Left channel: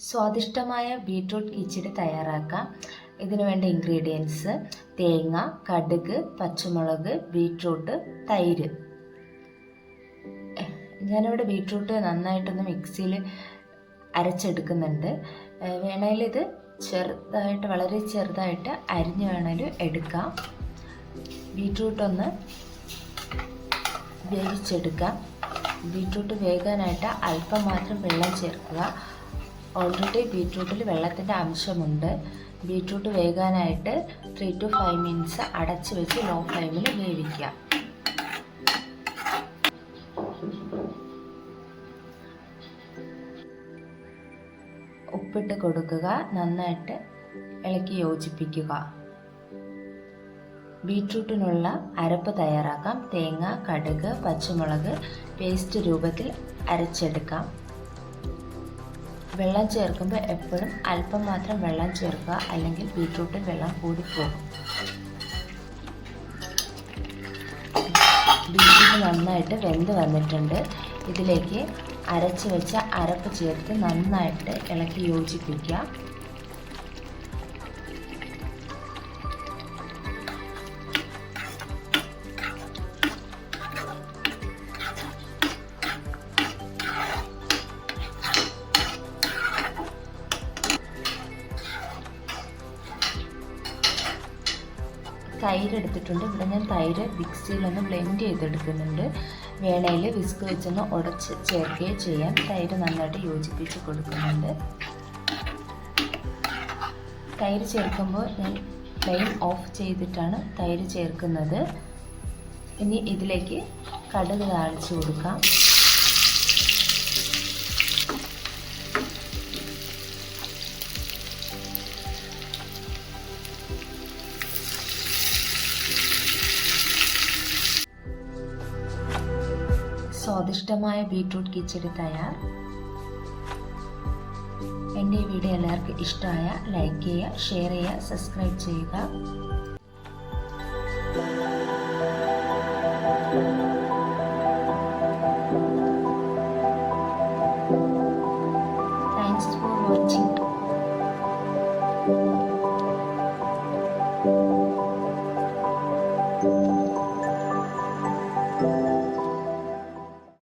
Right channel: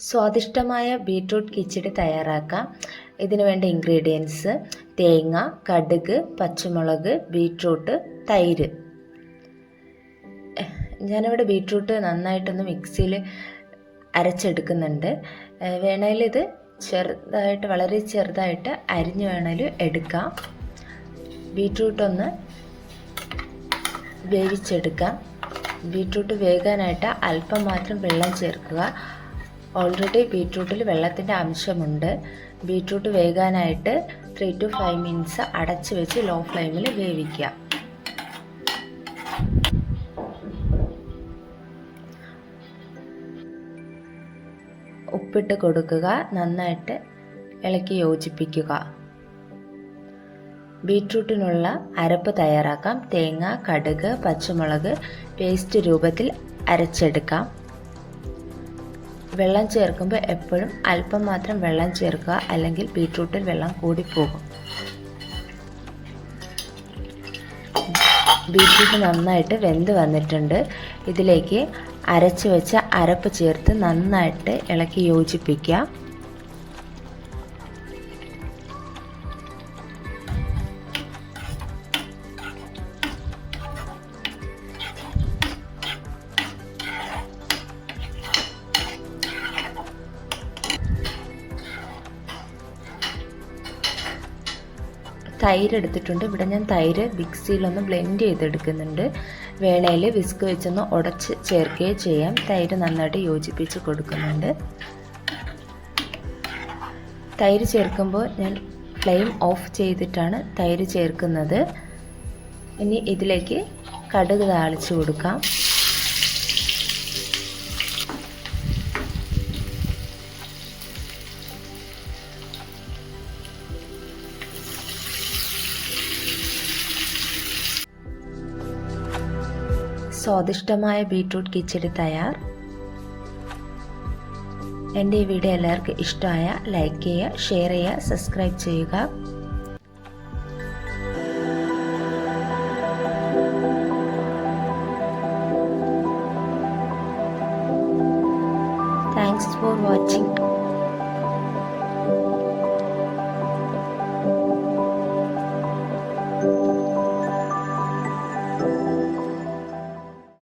സ്വാദിഷ്ടമായ ബീട്രൂട്ട് കിച്ചടി തയ്യാറാക്കാം. ഇതിന് വേണ്ട ഇൻഗ്രീഡിയൻസ് തേങ്ങ കടുക് പച്ചമുളക് ബീട്രൂട്ട് തൈര്. ഞാനിവിടെ ബീട്രൂട്ട് നന്നായിട്ടൊന്ന് മിക്സിയിൽ അരച്ചെടുക്കുന്നുണ്ട്. വേണേൽ ഇത് ചെറുതായിട്ട് വളരെ ചെറുതായിട്ട് അരിഞ്ഞ് വേണേൽ എടുക്കാം. ബീട്രൂട്ടൊന്ന് വേവിച്ചെടുക്കാം. ബീട്രൂട്ട് വേകാനായിട്ട് അല്പം മാത്രം വെള്ളം ചേർക്കുക. ഓൾറെഡി ബീട്രൂട്ടിൽ വെള്ളത്തിന്റെ അംശമുണ്ട്. ബീട്രൂട്ട് വേകാനായിട്ട് ത്രീ ടു ഫൈവ് മിനിറ്റ്സ് അടച്ചു വെച്ച് ലോ ഫ്ലെയിമിൽ വേവിക്കുക. ഉപ്പിട്ട് കൊടുക്കുക. നന്നായിട്ട് ഇളക്കി യോജിപ്പിക്കുക. ബീട്രൂട്ടിനുള്ള അരപ്പ് തയ്യാറാക്കാം. തേങ്ങ കടുക് പച്ചമുളക് പേസ്റ്റ് രൂപത്തിൽ അരച്ചെടുക്കാം. വെള്ളം ചേർക്കുമ്പോൾ എപ്പോഴും അല്പം മാത്രം വെള്ളം ചേർക്കുക അല്ലെങ്കിൽ ബീട്രൂട്ടിൽ വെള്ളം കൂടിപ്പോകും ബീട്രൂട്ട് നന്നായിട്ട് വെന്ത് വന്നിട്ടുണ്ട്. ഇതിലേക്ക് അരച്ച് വെച്ച അരപ്പ് ചേർത്ത് നന്നായിട്ട് ഇളക്കി യോജിപ്പിക്കുക. തൈര് എടുത്തിട്ടുണ്ട് ഇവിടെ ഞാൻ തൈര് മിക്സിയിലൊന്ന് ബ്ലെൻഡ് ചെയ്തെടുക്കുന്നുണ്ട്. വേളയിൽ വിസ്ക് വെച്ചൊന്ന് ഉടച്ച് ചേർക്കുകയും ചെയ്യാം. തൈര് നന്നായിട്ട് യോജിപ്പിച്ച് കൊടുക്കുന്നുണ്ട്. തൈര് ചേർക്കുമ്പോൾ ഞാൻ ഫ്ലെയിം ഓഫ് ചെയ്തിട്ടാണ് തൈര് ചേർക്കുന്നത്. ഇനി ഇതിലേക്ക് കടുക് താളിച്ച് കൊടുക്കാം. സ്വാദിഷ്ടമായ ബീട്രൂട്ട് കിച്ചടി തയ്യാർ. എന്റെ ഈ വീഡിയോ എല്ലാവർക്കും ഇഷ്ടമായ ലൈക്ക് ചെയ്യുക ഷെയർ ചെയ്യുക സബ്സ്ക്രൈബ് ചെയ്യുക. Thanks for watching.